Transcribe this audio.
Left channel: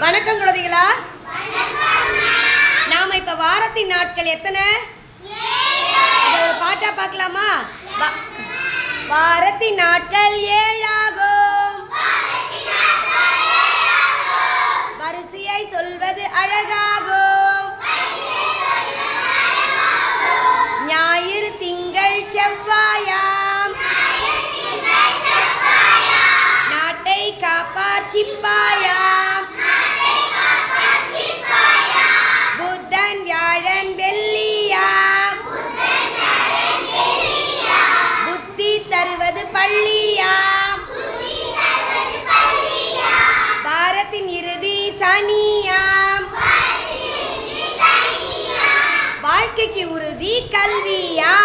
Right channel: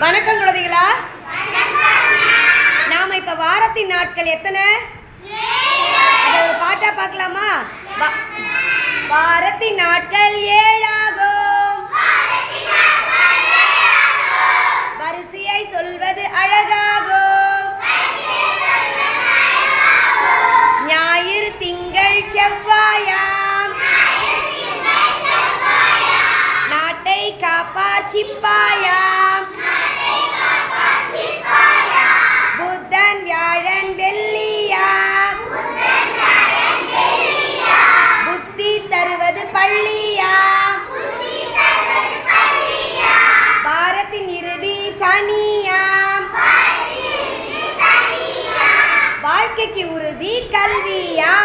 வணக்கம் குழந்தைகளா. நாம இப்ப வாரத்தின் நாட்கள் எத்தனை? அதை ஒரு பாட்டா பார்க்கலாமா? வாரத்தின் நாட்கள் ஏழாகும். வரிசையை சொல்வது அழகாகும். ஞாயிறு திங்கள் செவ்வாயாம். நாட்டை காப்பார் தருவது பள்ளியாம். பாரத்தின் இறுதி சனியாம். வாழ்க்கைக்கு உறுதி கல்வியாம்.